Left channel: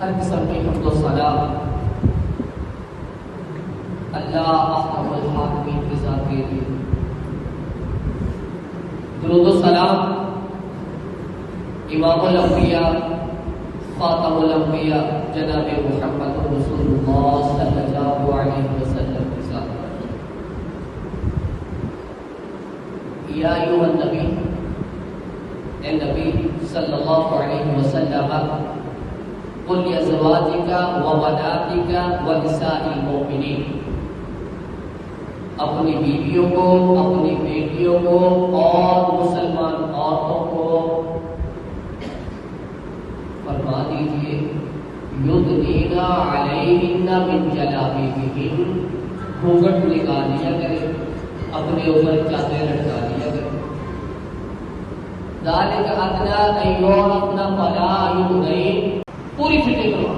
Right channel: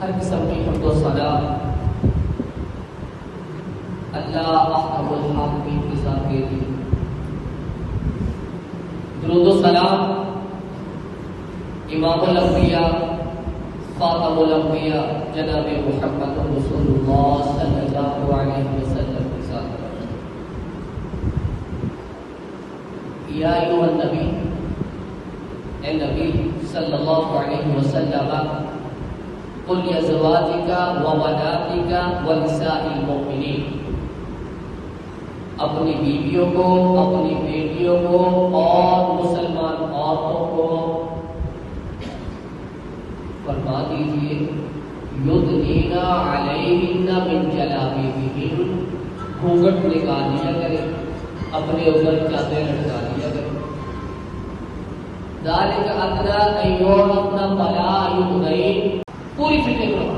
हर किस्म की हमद व सना अल्लाह अहमद आलमीन की ज़ात के लिए दुरूद व सलाम इमामुल अंबिया खातमुल अंबिया जनाब मुहम्मद रसूलुल्लाह सल्लल्लाहु अलैहि वसल्लम के साथ। या अय्युहन नबी, ए नबी सल्लल्लाहु अलैहि वसल्लम, कुल अज़वाजिका व बनातिका व निसाइल मोमिनीन, अपनी बीवियों को, अपनी बेटियों को और मुसलमान औरतों को फरमा दीजिए युदनीना अलैहिन्ना मिन जलाबीबिहिन, घूंघट निकाल लिया करें, अपने ऊपर चादर लटका लिया करें। ज़ालिक अदना अन युअरफ़ना फला युज़ैन, पूरी फिटिंग करो।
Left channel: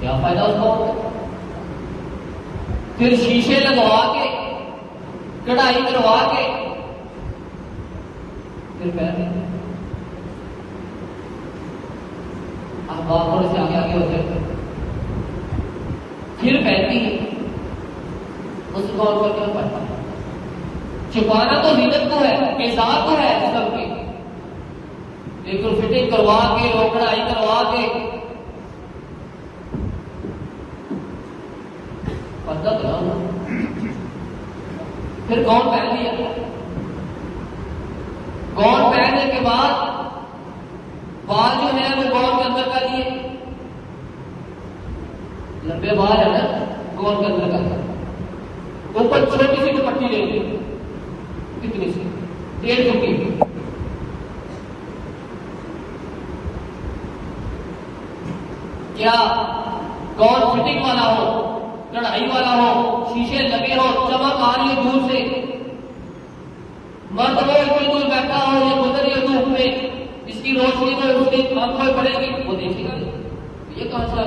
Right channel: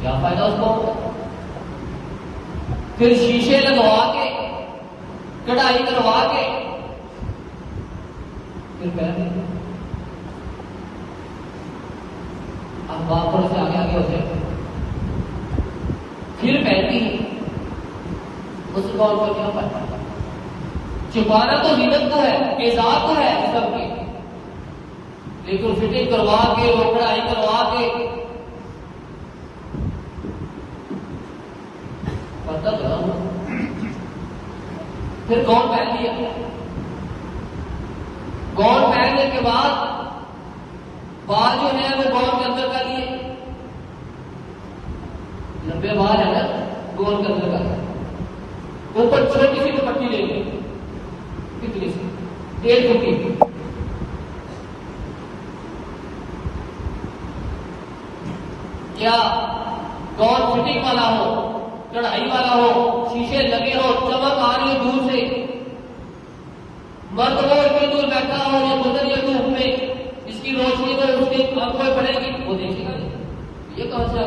क्या फायदा उसका? फिर शीशे लगवा के, कढ़ाई करवा के फिर पहनते हैं। अब बापर से आगे आगे होते फिर पहनती है। उसका और क्या पहनता है? छुपाना तो जीनत को है, इज़ार को है सबकी, लेकिन फिटिंग करवा के और कढ़ाई करवा के पता तो फिर गौन पहन लिया। गौन पहनने के बाद बाल जो है वो गौन के अंदर कर लिए, लंबे बाल है ना, गौन के अंदर कर, ऊपर छोटी सी दुपट्टी ले ली, कितनी सी? 1.5 फुट। क्या गौन फिटिंग वाला हो, कढ़ाई वाला हो, शीशे लगे हो, चमक आ रही है दूर से, मर्द वो इतने दूर बैठा हो, ये गुजर रही है धूप में, इसकी रोशनी में उसकी आंखों पड़ेगी, वो देखेगा ये कौन सा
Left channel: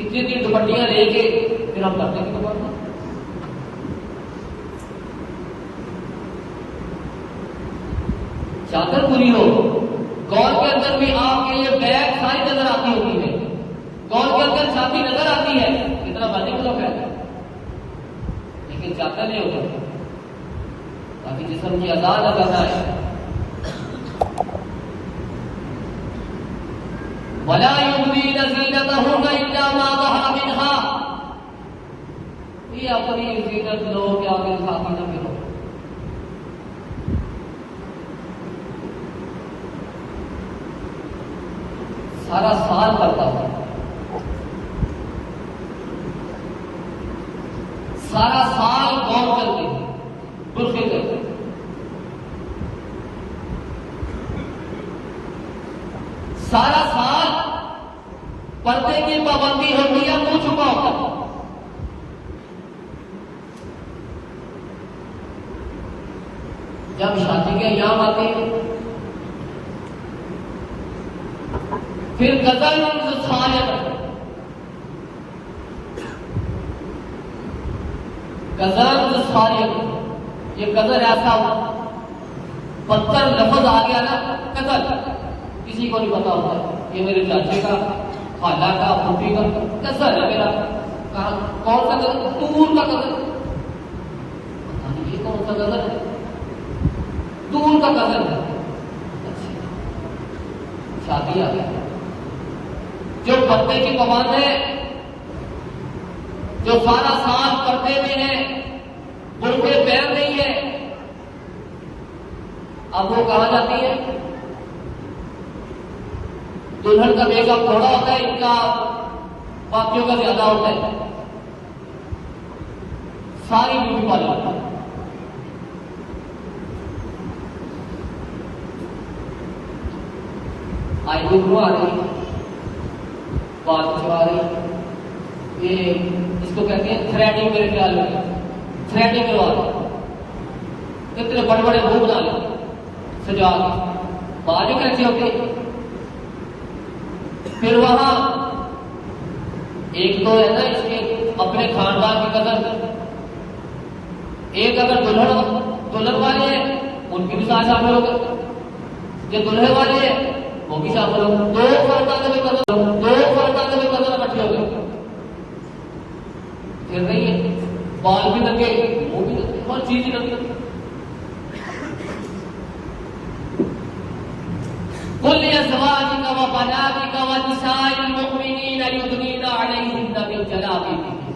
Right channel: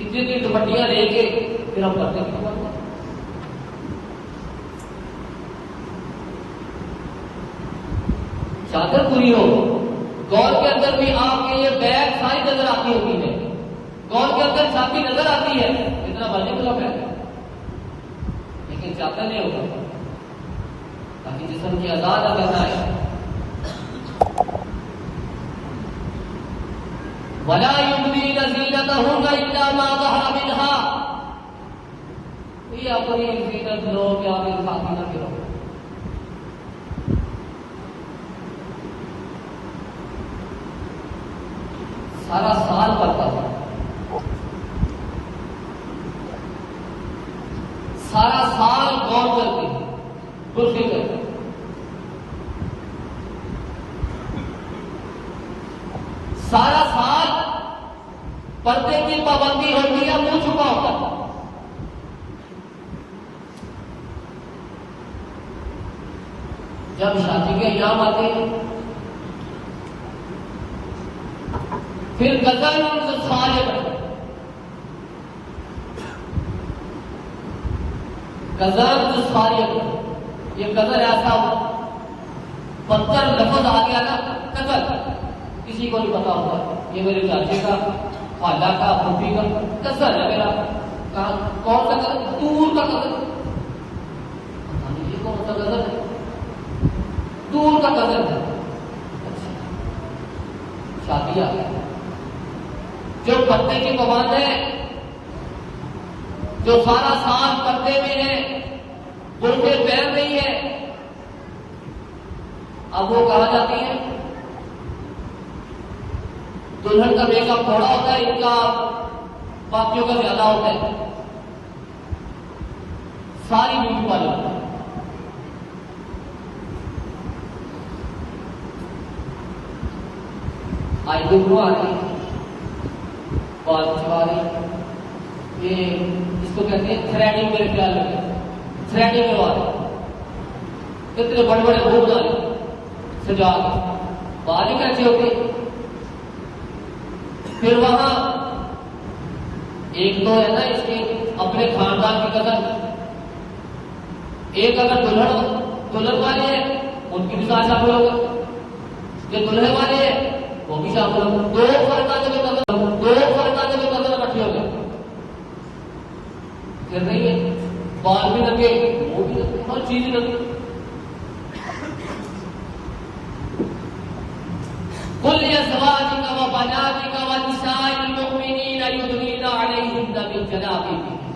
इतनी दुपट्टियां लेके फिर हम करते हैं। चादर पूरी हो। गौर के अंदर भी आपके ये बैग सारी नजर आती होती है, गौर के अंदर साथी नजर आती है, इतना मर्जी को है, लेकिन चादर नहीं होता ताकि जिस्म की आजाद नजर आए। वला युबदीना ज़ीनतहुन्ना इल्ला मा ज़हरा मिन्हा, ये अपनी जीनत लोग के आगे साथी न गिरो। सारा साल करता है, सारा साल गौर करके दुरुस्ती करके, सारा साल पर्दे की पाबंदी होती है, मुंह छुपा होता है। जब शादी के याम आते हैं फिर गजल सायक, गजल सायक, ये गजल ऐसा पत्थर लफ्ज आ गया ना, गजल किसी को नहीं पता होता, ये मेरे चाचे का, खाला का, फूफी का गजल है मेरा। कौन सा गजल? दूर का गजल। कौन सा गजल है? दूर का गजल है। शादी आ गई, जो पर्दे की कमान है, जो सारा साल पर्दे में है, बुरके पहन नहीं है, अब वो कहा जाती है दुल्हन का मेकअप थोड़ा होता है, इनका बाकियों का ज्यादा होता है, सारी ब्यूटी पार्लर। आई हुआ ये इसको कहते हैं थ्रेडिंग, मेरे ख्याल में थ्रेडिंग के बाद इतने बड़े बड़े मुंह बना ले सजा बाजू कैसी होती। फिर वहां एक तो है ना इसके अपने खानदान की कदर, एक अगर दुल्हन वाले हैं उनकी भी साथ शामिल हो गए, जो दुल्हन वाले हैं वो भी शामिल हो, दो खानदान में कदर इकट्ठी हो गए। फिर नहीं है, बाल भी लगे, वो भी लगे, हर चीज लगी। कुल अज़वाजिका व बनातिका व निसाइल मुमिनीना युदनीना अलैहिन्ना मिन जलाबिबिहिन्ना।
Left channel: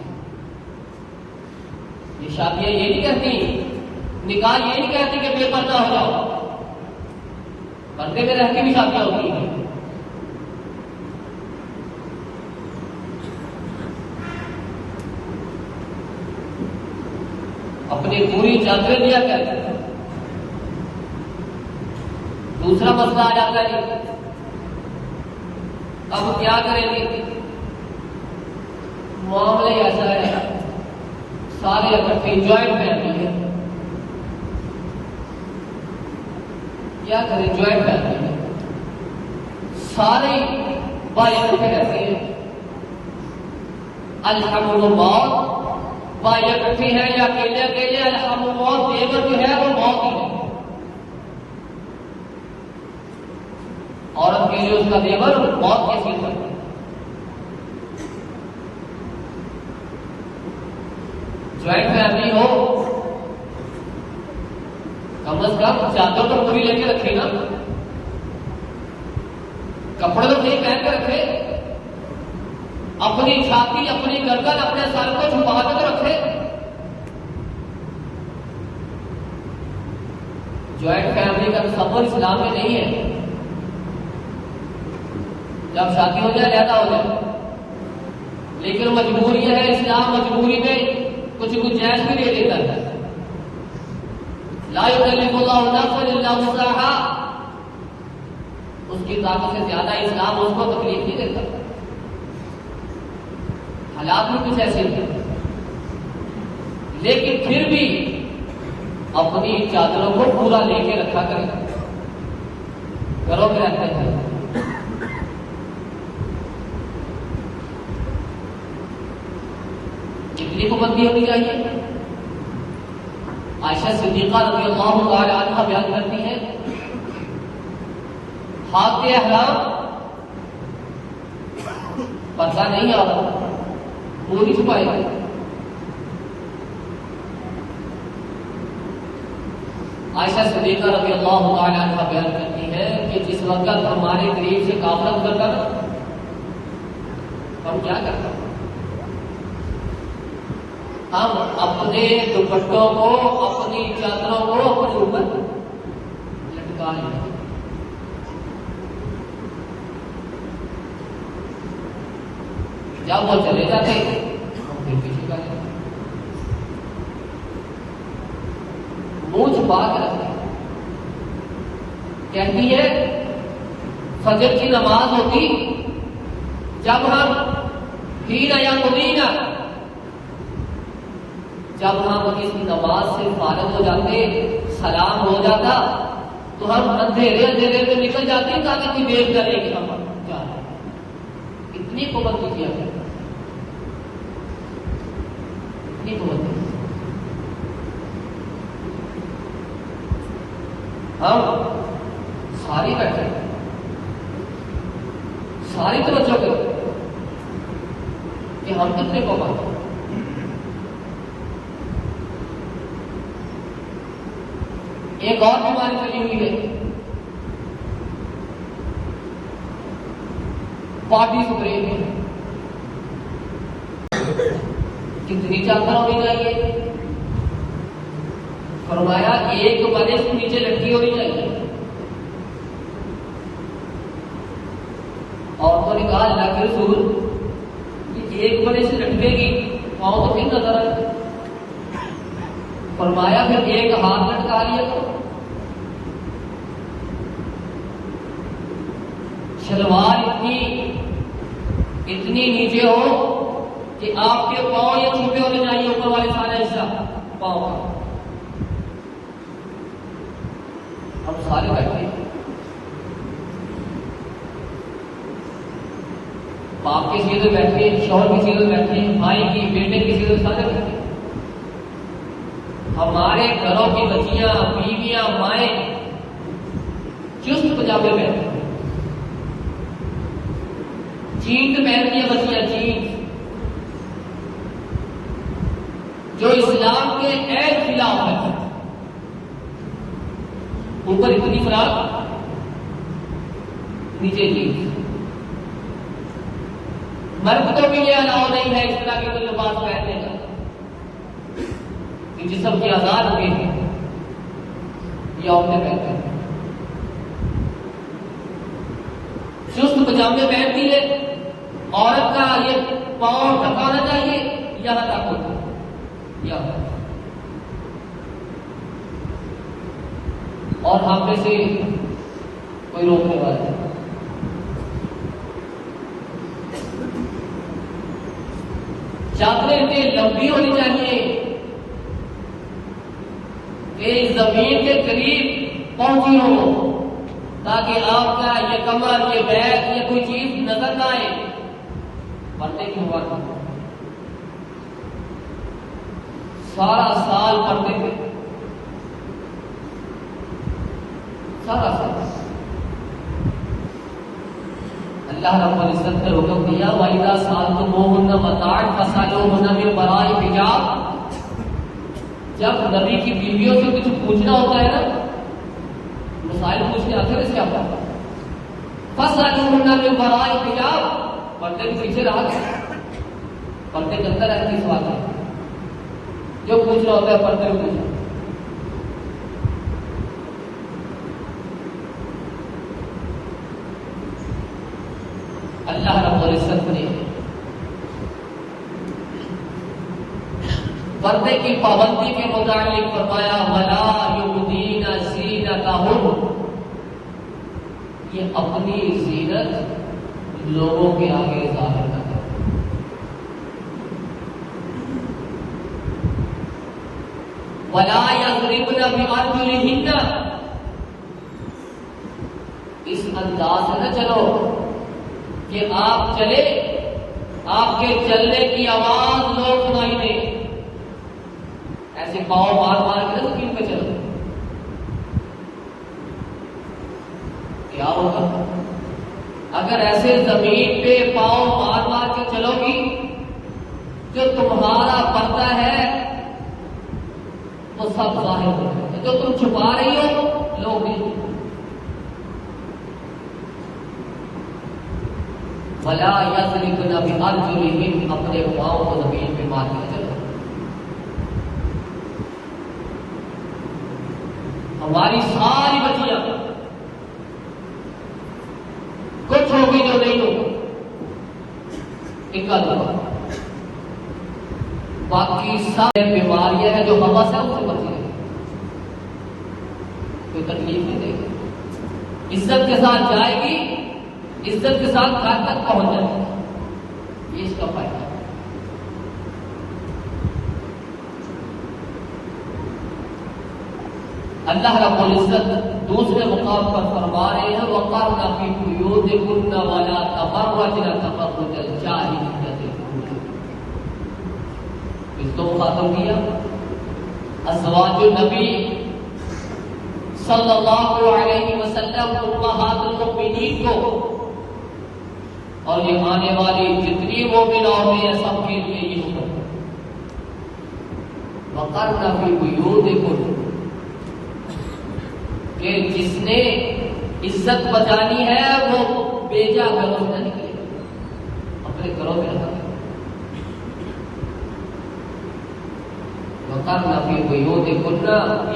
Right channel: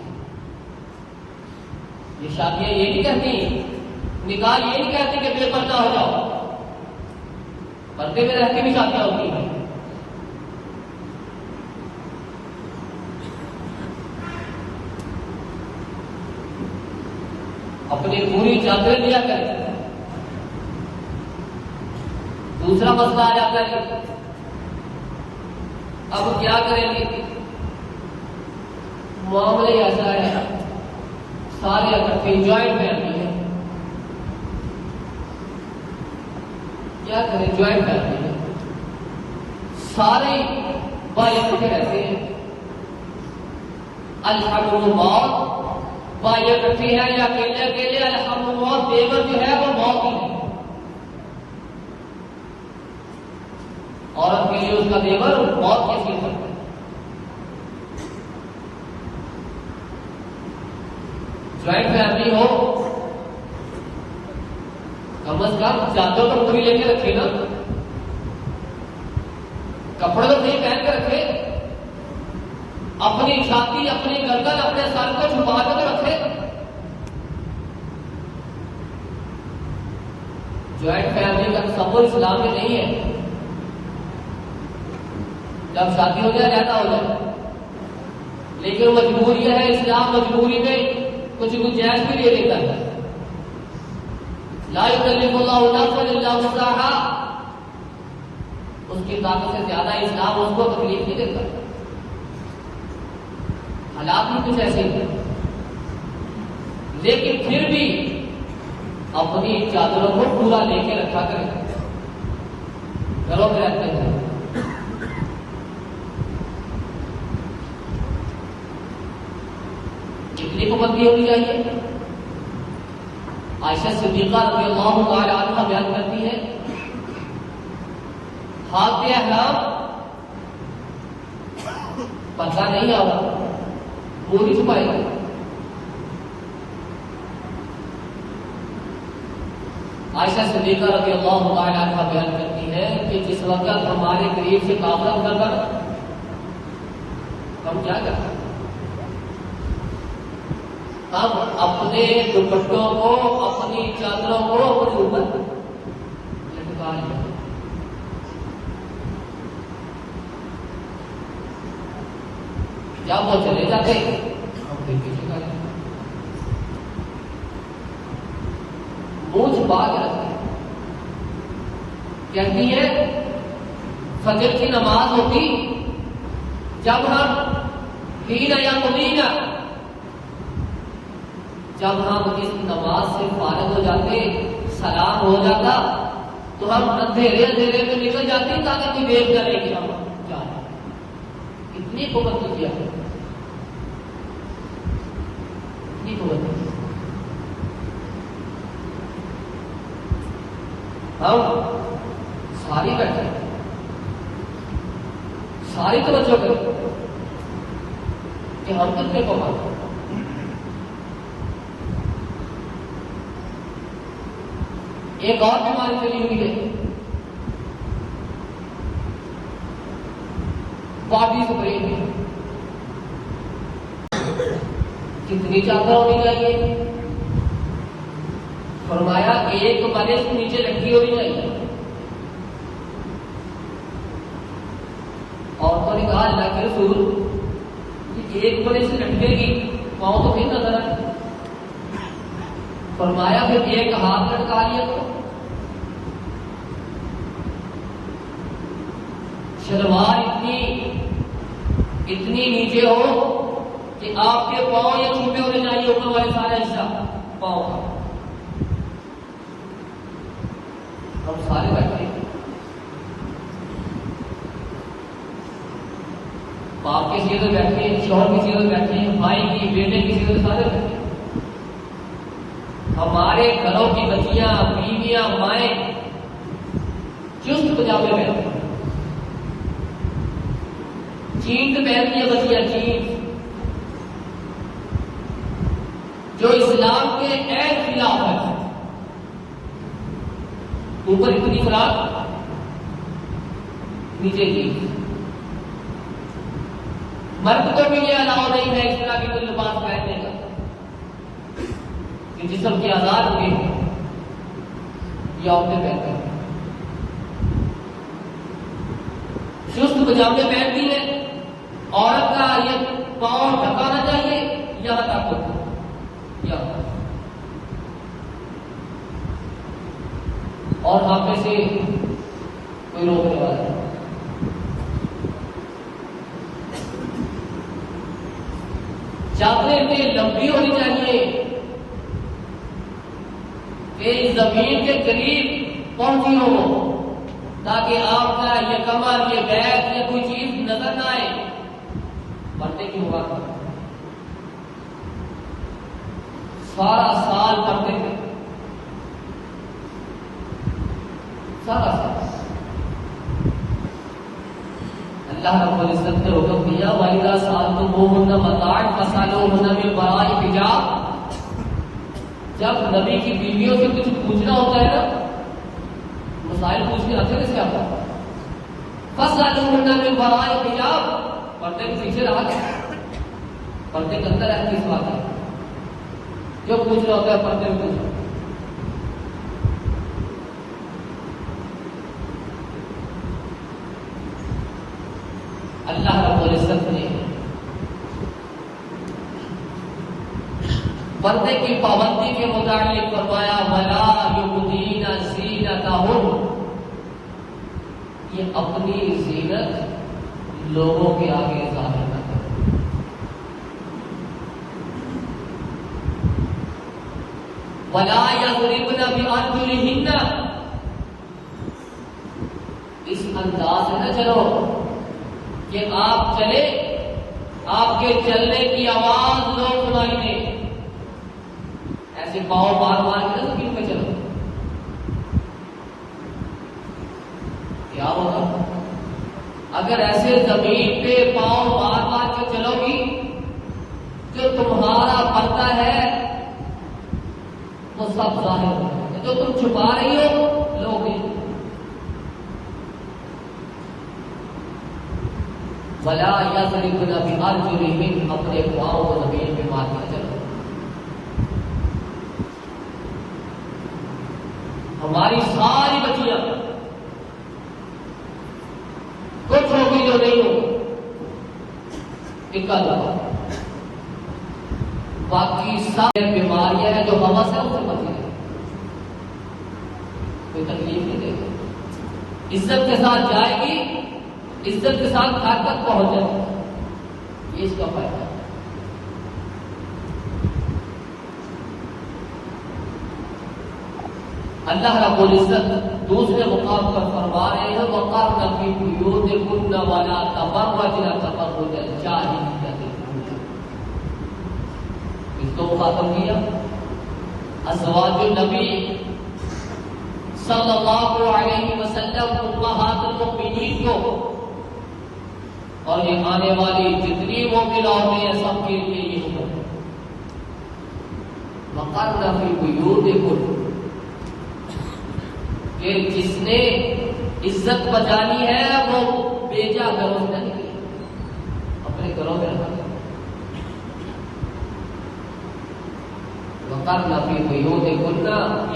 ये शादियां ये नहीं कहती, निकाह ये नहीं कहती कि बेपर्दा हो जाओ, पर्दे में रहती भी शादियां होती हैं। अपनी पूरी चादरें दिया करते हैं। दूसरा मसला आ जाता है, अब क्या करेंगे? मामले ऐसा है, सारे इकट्ठे ज्वाइंट फैमिली है, क्या करें? ज्वाइंट फैमिली है, सारे भाई इकट्ठे रहते हैं, अल्हम्दुलिल्लाह भाई इकट्ठे हैं या अकेले अकेले, अल्हम्दुलिल्लाह देवर जो है वो मौत ही है, औरत के लिए उसका देवर मौत के चीज है। ज्वाइंट फैमिली हो कम से कम चादरों पर पूरी लेके रखे ना, कपड़े तो सही पहन के रखे, अपनी छाती अपनी गर्दन अपने सर को छुपा के तो रखे। ज्वाइंट फैमिली का तस्वुर इस्लाम में नहीं है। जब शादी हो जाए रहता हो जाए, लेकिन मजबूरियां है, इस्लाम मजबूरी में कुछ गुंजाइश भी दे देता है। ला युकल्लिफुल्लाहु नफ्सन इल्ला वुसअहा, उसकी ताकत से ज्यादा इस्लाम उसको तकलीफ नहीं देता। हालात भी कुछ ऐसे हैं, लेकिन फिर भी अपनी चादरों को पूरा लेके रखा करें, घरों में रहते हैं। कितनी पाबंदी होनी चाहिए? आयशा सिद्दीक़ा रज़ियल्लाहु अन्हा बयान करती है हाथ हराम पता नहीं आता, वो भी छुपाएगी। आयशा सिद्दीक़ा रज़ियल्लाहु अन्हा बयान करती है कि जिस वक्त हमारे करीब से काफिला गुजरता हम क्या करते हैं? हम अपने दुपट्टों को, अपनी चादरों को ऊपर लटका लेते, या वो चले जाते फिर पीछे का वो छुपा के रखते हैं। कहती है फजर की नमाज होती, जब हम हीना या मुबीना, जब हम इस नमाज से फारिग हो जाते, सलाम हो जाता, तो हम अंधेरे अंधेरे में निकल जाते ताकि इतनी देर करे कि हम इतनी कुर्बानी किया, इतनी कुर्बानी। हम सारी बैठे, सारी तो छोटे कि हम कितने को मानते। एक और बीमारी चली हुई है, बॉडी स्प्रे। कितनी चादर होनी चाहिए? फरमाया एक मने से नीचे लटकी होनी चाहिए। और तो कहा अल्लाह के रसूल एक मने से लटकेगी और तो नहीं नजर आती। फरमाया फिर एक हाथ लटका लिया तो शलवार इतनी नीचे हो कि आपके पांव या छूटे होने चाहिए, ऊपर वाले सारे हिस्सा पांव और सारे बैठे। बाप की सीधे बैठे, शौहर की सीधे बैठे, भाई की, बेटे की सीधे, सारे बैठे। हमारे घरों की बच्चियां, बीवियां, माए चुस्त पजामे बैठे, जीन्स पहनती है बच्चियां, जीन्स जो इस्लाम के ऐन खिलाफ है। ऊपर इतनी फ्राक, नीचे जीन्स। मर्द को भी यह अलाउ नहीं है इस तरह के कोई लिबास पहनने का कि जिस्म की आजाद हो गई, ये औरतें पहनते हैं। चुस्त पजामे पहनती है, औरत का ये पांव ढकाना चाहिए यहां तक होती है, यहां। और हम में से कोई रोकने वाला चादरें इतनी लंबी होनी चाहिए कि जमीन के करीब पहुंची हो, ताकि आपका ये कमर, ये बैक, ये कोई चीज नजर ना आए। पढ़ते क्यों हुआ? सारा साल पढ़ते थे, सारा साल। अल्लाह रब्बुल इज्जत ने हुक्म दिया, वाइदा साल को वो होना मताड़ मसालो होना में बराई हिजाब। जब नबी की बीवियों से कुछ पूछना होता है ना, मसाइल पूछने आते कैसे आता है? मसालो होना में बराई हिजाब। पर्दे के पीछे रहा गया, पर्दे के अंदर रहती इस बात है, जो पूछना होता है पर्दे में पूछना। अल्लाह रब्बुल इज्जत ने पर्दे की पाबंदी के मुताबिक फरमाया, वला युबदीना ज़ीनतहुन, ये अपनी ज़ीनत लोगों के आगे जाहिर न करें। वला यज़रिबना बिअरजुलिहिन्ना, इस अंदाज से न चलो कि आप चले, आपके चलने की आवाज लोग सुनाई दे, ऐसे पाँव मार मार के ना जमीन पे चलो। क्या होगा। अगर ऐसे जमीन पे पाँव मार मार के चलोगी, जो तुम्हारा पर्दा है वो सब जाहिर होगा, जो तुम छुपा रही हो लोग नहीं। भला यज़रिबन बिअरजुलिहिन, अपने पाँव को जमीन पे मार के चलो। हमारी सारी बच्चियां कुछ होगी जो नहीं हो, इनका दुआ। बाकी सब बीमारियां हैं जो हवा से उससे बची है, कोई तकलीफ नहीं देगी, इज्जत के साथ जाएगी, इज्जत के साथ घर तक पहुंच जाएगी। ये इसका फायदा। अल्लाह रब्बुल इज्जत दूसरे मुकाम पर फरमा रहे हैं, वक़ारना फी बुयूतिकुन्ना वला तबर्रजना तबर्रुजल जाहिलिय्यतिल ऊला। इसको मुखातब किया अज़वाजुन नबी सल्लल्लाहु अलैहि वसल्लम उम्महातुल मुमिनीन को, और ये आने वाली जितनी मोमिन औरतें हैं सबके लिए ये हुक्म। वक़ारना फी बुयूतिकुन्ना, कि जिसने इज्जत बचानी है वो बेजा घरों से निकले, अपने घरों में रखा।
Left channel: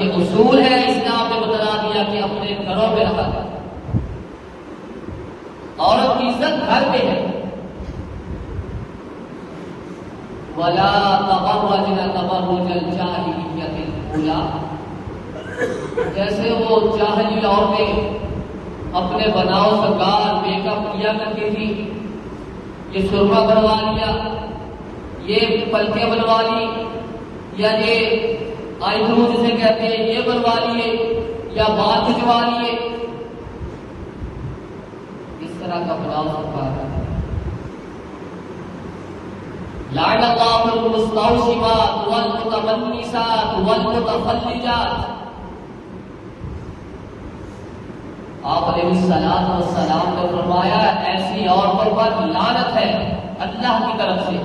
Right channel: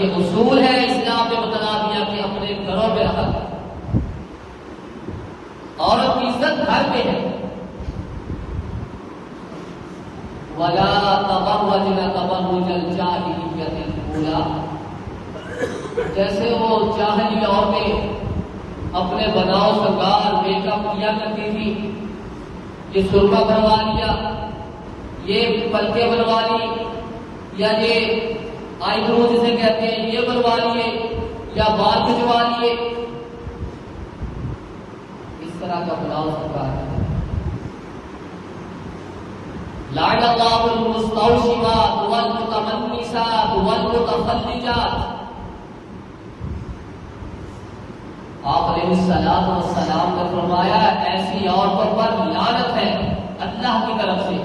ये उसूल है, इस्लाम ने बता दिया कि अपने घरों में रखा। औरत की इज्जत घर में है। वला तबर्रजना तबर्रुजल जाहिलिय्यतिल ऊला, जैसे वो जाहिली औरतें अपने बनाओ सरकार मेकअप किया करती थी, ये सुरमा बनवा लिया, ये पलके बनवा ली, या ये आईब्रो जिसे कहते हैं ये बनवा लिए, या बाल खिंचवा लिए, इस तरह का बनाओ सरकार है। लाअल्लाहुल मुस्तौशिमात वल मुतमन्निसात वल मुतफल्लिजात। आपने सलाम ने फरमाया, ऐसी औरतों पर लानत है अल्लाह की तरफ से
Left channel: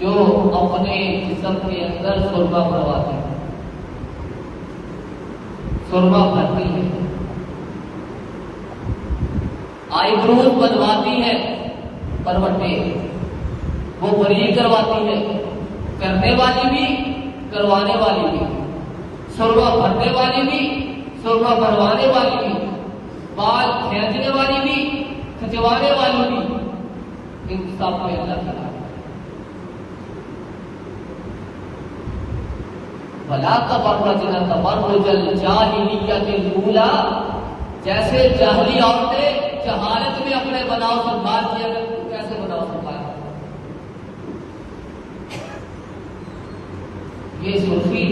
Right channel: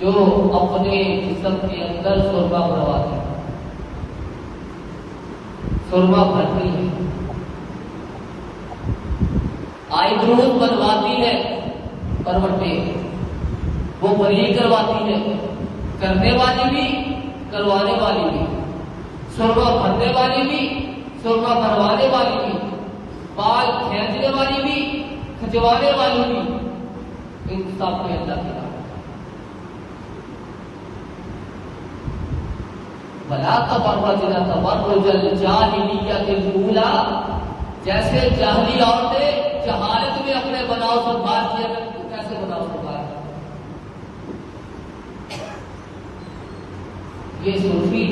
जो अपने जिस्म के अंदर सुरमा भरवाती है, सुरमा भरती है, आईब्रोज बनवाती है, करवटे वो बरी करवाती है, करने वाली भी करवाने वाली भी, सुरमा भरने वाली भी सुरमा भरवाने वाली भी, बाल खींचने वाली भी खिंचवाने वाली भी, इंसाफ में अल्लाह की राह। भला तबर्रजना तबर्रुजल जाहिलिय्यतिल ऊला, जैसे जाहिली औरतें जहालत में अपने बनाव से बात किया करती, कैसे बनाव होता है। ये सूफी,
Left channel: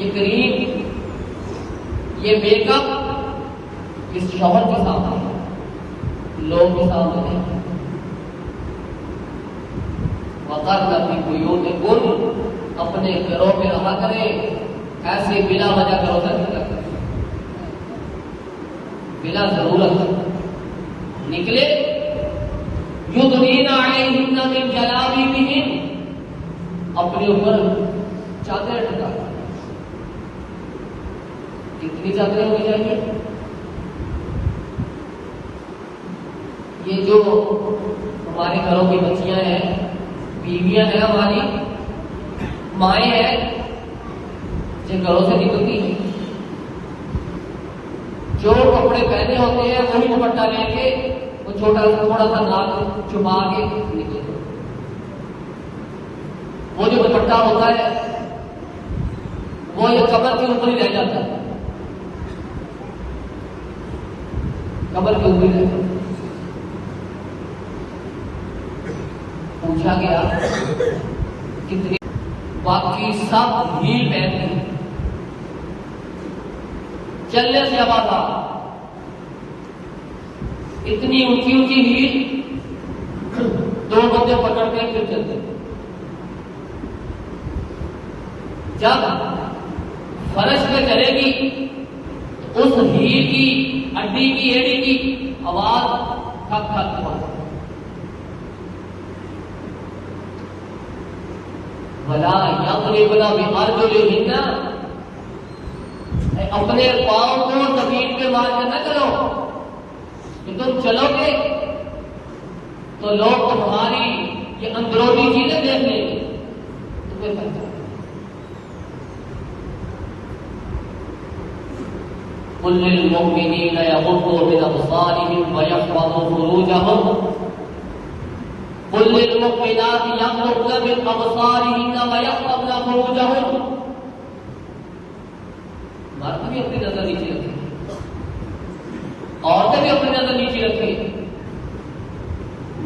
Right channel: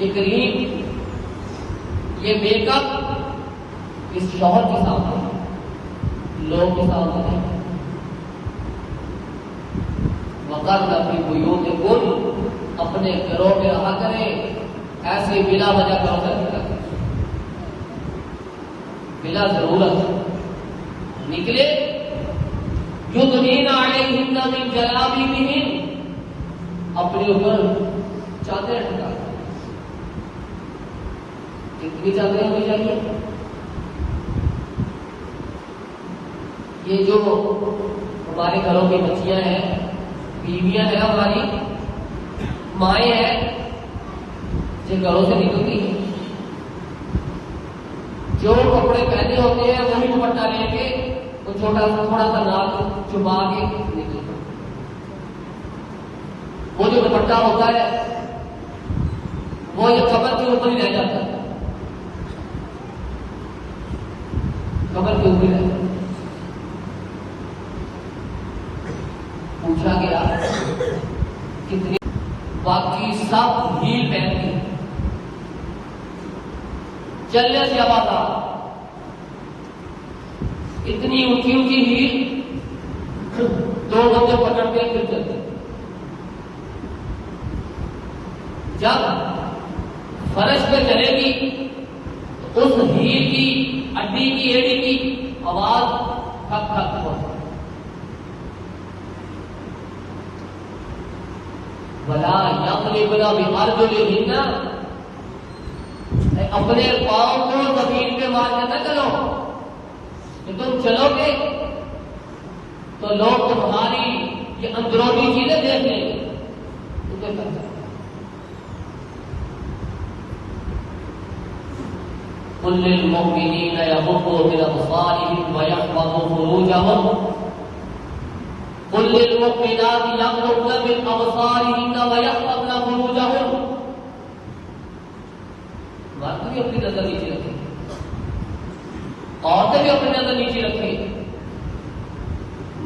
ये करीब, ये मेकअप इस शौहर के साथ है, लोग के साथ नहीं। वक़ारना फी बुयूतिकुन्ना, अपने घरों में रहा करें, ऐसे बिना वजह घरों में रखा, बिना जरूरत निकले। युदनीना अलैहिन्ना मिन जलाबिबिहिन, अपने ऊपर चादर ढका, कितनी चादरें होनी चाहिए। ये जो हमारे घरों की बच्चियां हैं, बीवियां हैं, हमारी माएँ हैं, जिन घरों से निकलती हैं, जो कपड़े पहने होते हैं वही दुपट्टा लेके तो थोड़ा सा नाक छुपा के निकले। वो जो दुपट्टा होता है वो ये कमर के ऊपर ही रह जाता है, कमर के ऊपर ही रहता है। पूछा गया कितनी, बाकी सब ही पहनते हैं, चलने से आवाज आ, इतनी ऊंची ऊंची हील, दो बंदे पकड़ते फिर चलते। जब फर्श पे चलेगी उस हील की एड़ी की आवाज खक खक हो। अपने पाँव को जमीन पे मार के न चलो, तुम चलोगे तो लोग तुम्हारी ये अंदरूनी चीजें देख लेंगे। कुल मुमिनीन यगुद्दू मिन अब्सारिहिम व यहफज़ू फुरूजहम कुल मुमिनाति यगुद्दन मिन अब्सारिहिन व यहफज़न फुरूजहम। मर्द भी अपनी नजर नीचे रखें, औरतें भी अपनी नजर नीचे रखें,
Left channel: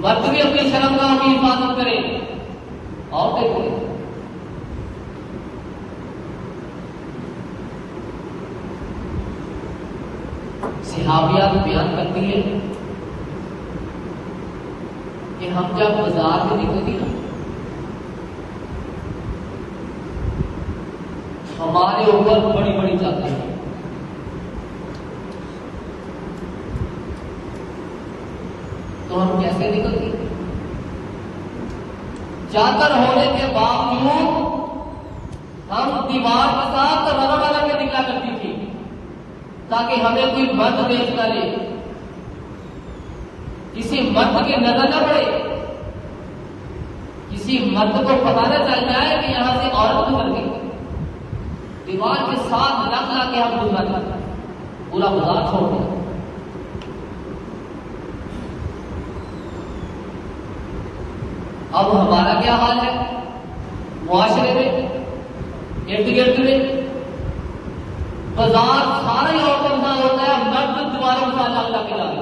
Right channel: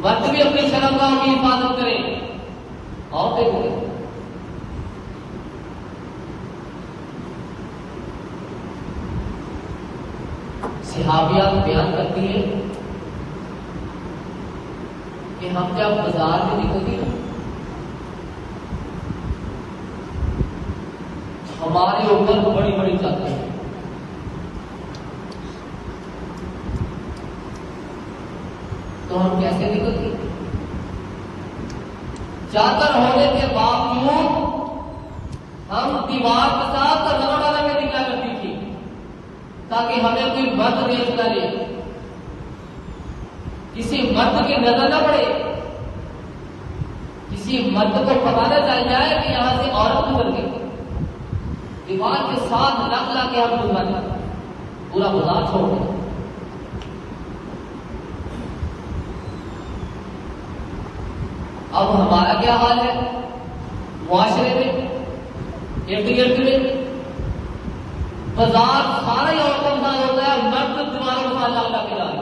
मर्द भी अपनी शर्मगाह की हिफाजत करें, औरतें करें। सहाबिया बयान करती है कि हम जब बाजार में निकलती ना, हमारे ऊपर बड़ी बड़ी चादर, तो हम कैसे निकलते? चादर होने के बावजूद हम दीवार के साथ रगड़ के निकला करती थी ताकि हमें कोई मर्द देख करे, किसी मर्द की नजर न पड़े, किसी मर्द को पता न चल जाए कि यहां से औरत गुजर गई। दीवार के साथ लग ला के हम गुजर पूरा बाजार छोड़ गए। अब हमारा क्या हाल है मुआशरे में, इर्द गिर्द में? बाजार सारी औरतों के साथ होता है, मर्द दीवारों के साथ अल्लाह के लाए,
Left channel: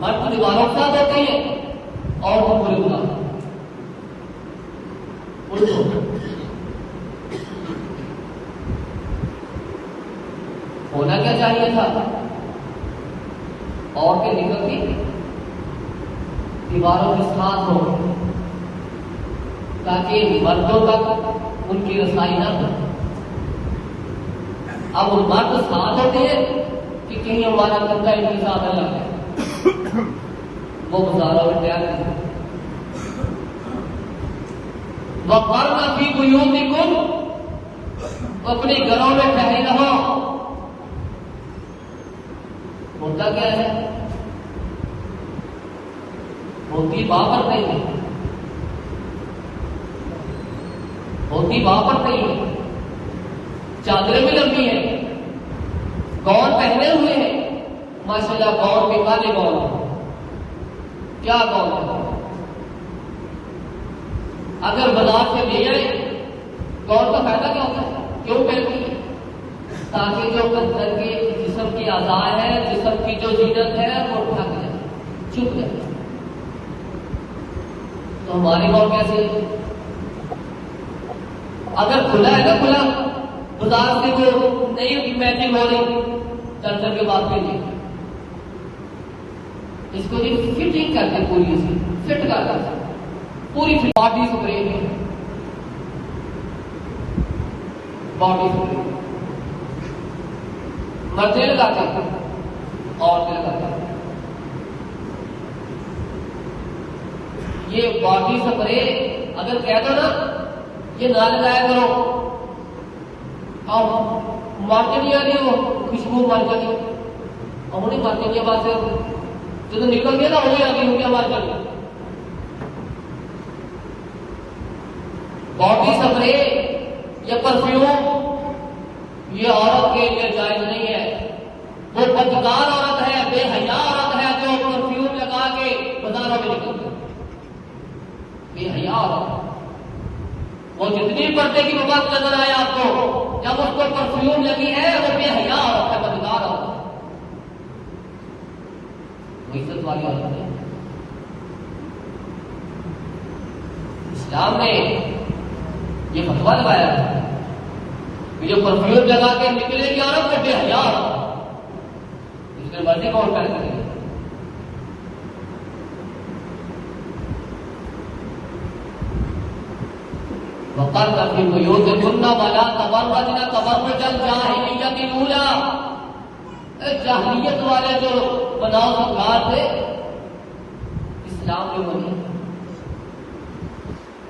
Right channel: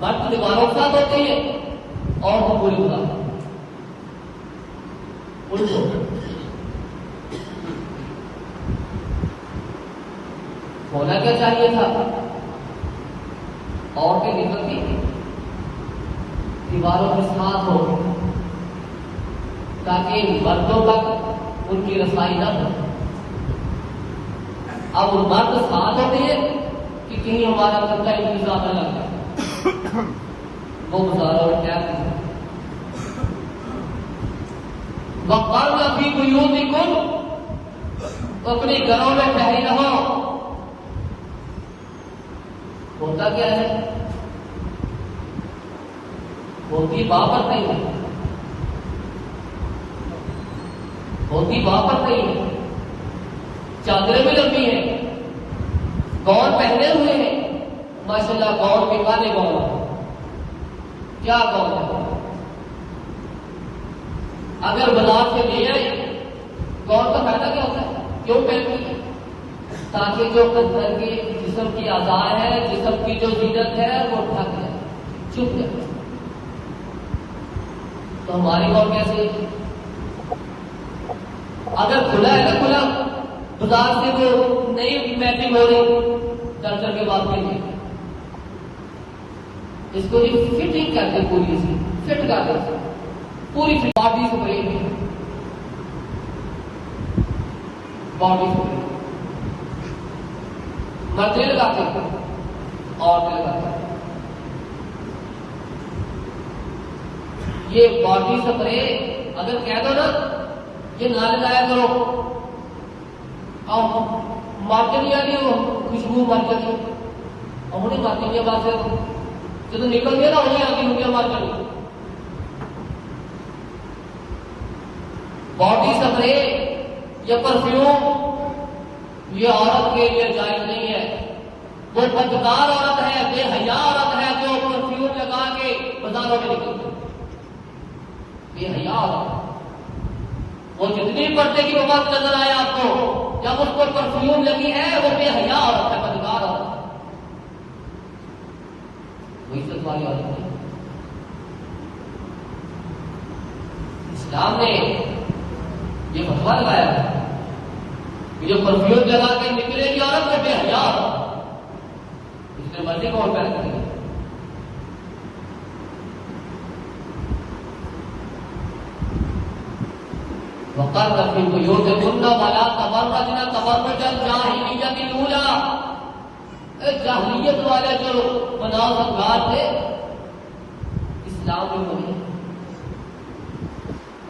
मर्द दीवारों के साथ होते हैं और वो पूरे होना क्या चाहिए था? औरतें निकलती दीवारों के साथ हो ताकि मर्दों तक उनकी रसाई न हो। अब वो मर्द साथ होते हैं कि किंग वाला कुत्ता इनके साथ अलग है, वो बाजारों में क्या करते? वक़र्न फी बुयूतिकुम, अपने घरों में ठहरी रहो। होता क्या है? होती वापस नहीं है, होती वापस नहीं है, चादरें भी लंबी है, गौन पहने हुए हैं, माशाल्लाह गौन के काले गौन, क्या गौन है? अगर बाजार से ले आए गौन का फायदा क्या होता है? क्यों पहनती है? ताकि जो अंदर के जिस्म की आजार है, जिस्म की जो जीनत है वो ढक जाए, चुप जाए। तो हमारी गौन कैसे है? अगर खुला है ना, खुला बाजार से वो नई मैचिंग हो रही दर्शन के बाद के लिए, इसको फिटिंग कर दे, पूरी सी फिट कर दे, पूरी बॉडी स्प्रे, बॉडी स्प्रे मर्द लगाते और लगाते। ये बॉडी स्प्रे अगर कहता ना ये ना लगाया करो और मारते नहीं आ रही हो, खुशबू मार जाती और उन्हें मारते के बाद जो तो निकल गया ना उन्हें आ गई, उनकी आवाज आ गई। बॉडी स्प्रे या परफ्यूम ये औरत के लिए जायज नहीं है। वो बदकार औरत है, बेहया औरत है जो परफ्यूम लगा के बाजारों में निकलती है, बेहया औरत। वो जितनी पर्दे की बात नजर आए आपको, जब उसको परफ्यूम लगी है वो बेहया औरत है, बदकार औरत है, इज्जत वाली औरत है। इस्लाम ने ये फतवा लगाया है कि जो परफ्यूम लगा के निकलेगी औरत वो बेहया औरत, इसके मर्जी कौन करेंगे? वक़र्न फी बुयूतिकुन्ना वला तबर्रजना तबर्रुजल जाहिलिय्यतिल ऊला, जाहिलियत वाले जो बनाओ सरकार थे, इस्लाम में बोले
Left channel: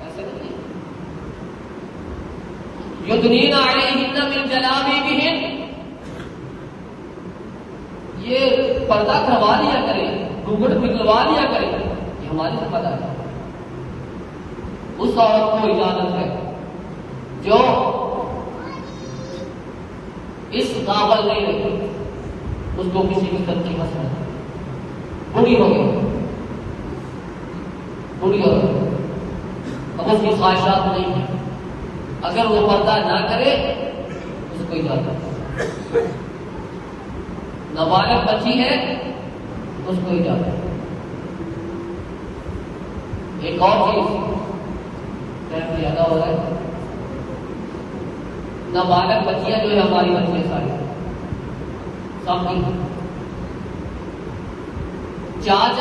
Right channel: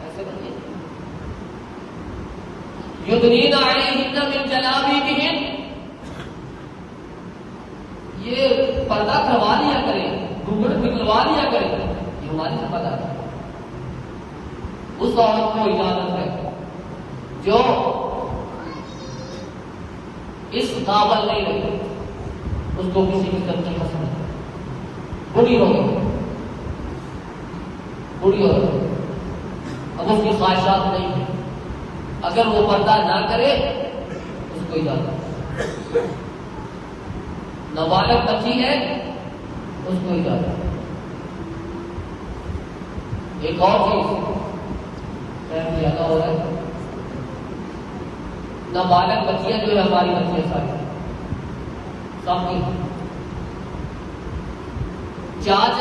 ऐसे नहीं। युद्दीना अलैहिन्ना मिन जलाबिबिहिन, ये पर्दा करवा लिया करें, घूंघट निकलवा लिया करें, ये हमारे से पता है। उस औरत को इजाजत है जो इस काबल नहीं रही, उसको किसी की तरफ की मसला बुरी हो गई, बुरी हो गई, अब उसकी ख्वाहिशात नहीं है, अगर वो पर्दा ना करे उसको इजाजत, नाबालिग बच्ची है उसको इजाजत। एक और चीज ज्यादा हो रहा है, नाबालिग बच्चियां जो है हमारी बच्चियां सामने चाच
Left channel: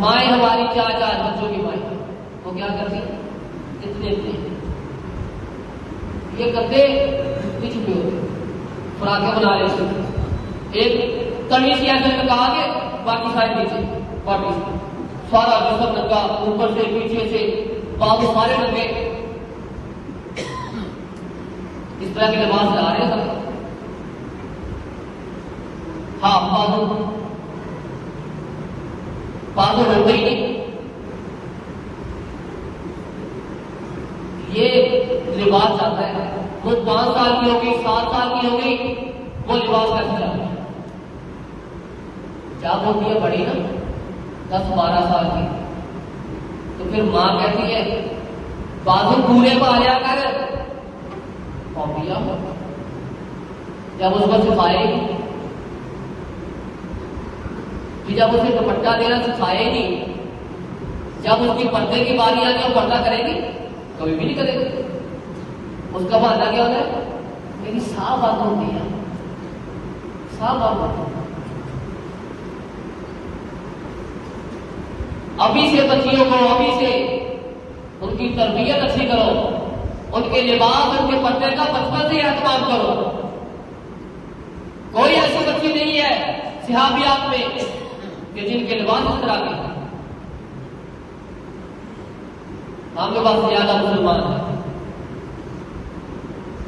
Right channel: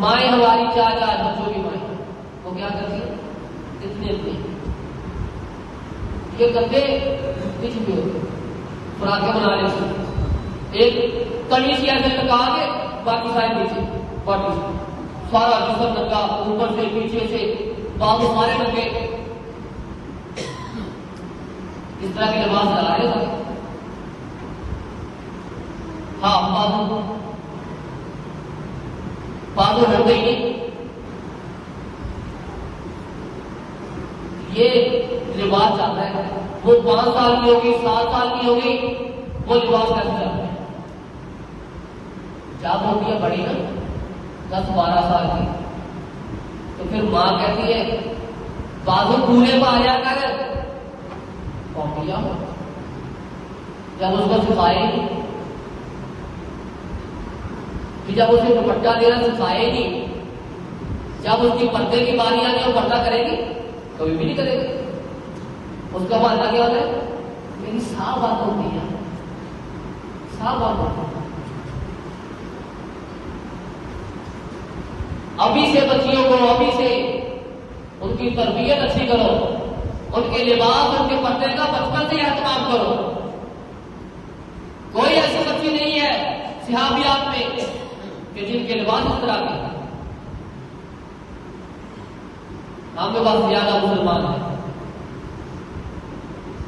माए हमारी चाच बच्चों की माए तो क्या करती इतने ये गंदे कुछ भी होते फ्राके बना लेते, एक कमीज ऐसे लगा के बाकी सारे नीचे बाकी सारा जिसम लगा, ऊपर से पीछे से बाकी सारे लगे, इस तरह की नमाज जा रहे हैं। हाँ बाबू हो गई, ये रिवाज जाता है। वो 5 साल की होगी, 7 साल की होगी, वो रिवाज कैसे जाता है। जब होती है बड़ी ना 10-12 साल की, तो फिर माँ कहती है बाबू पूरे पाया कर, जब उसको सिखाएगी, जब उसे दुपट्टा देना सिखाएगी, जब उसकी पर्दे की बारी आने वो पर्दा करेगी, कभी भी नहीं करेगी। उसका बहाना क्या है, मेरी साफ बात होती है, साफ बात होती है। अभी से बच्चियों को, अभी से उनकी तरबियत अच्छी करो, उनके लिबास, उनके पर्दे का बचपन से एहतमाम करो। कोई ऐसी बच्ची नहीं है सिहाबियात में कि जिनके लिबास इस तरह के, हमके पास ज्यादा मुसलमान है,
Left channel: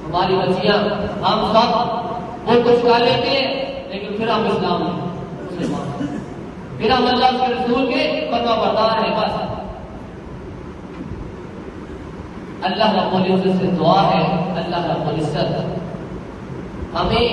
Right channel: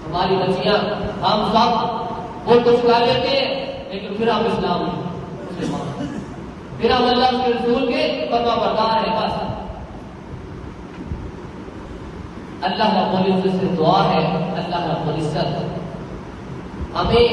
हमारी बच्चियां, हम सब वो कुछ खा लेते हैं, लेकिन फिर हम इस्लाम नहीं, फिर हम अल्लाह के रसूल के फरमा बरदार है। बस अल्लाह रब्बुल इज्जत से दुआ है, अल्लाह रब्बुल इज्जत हमें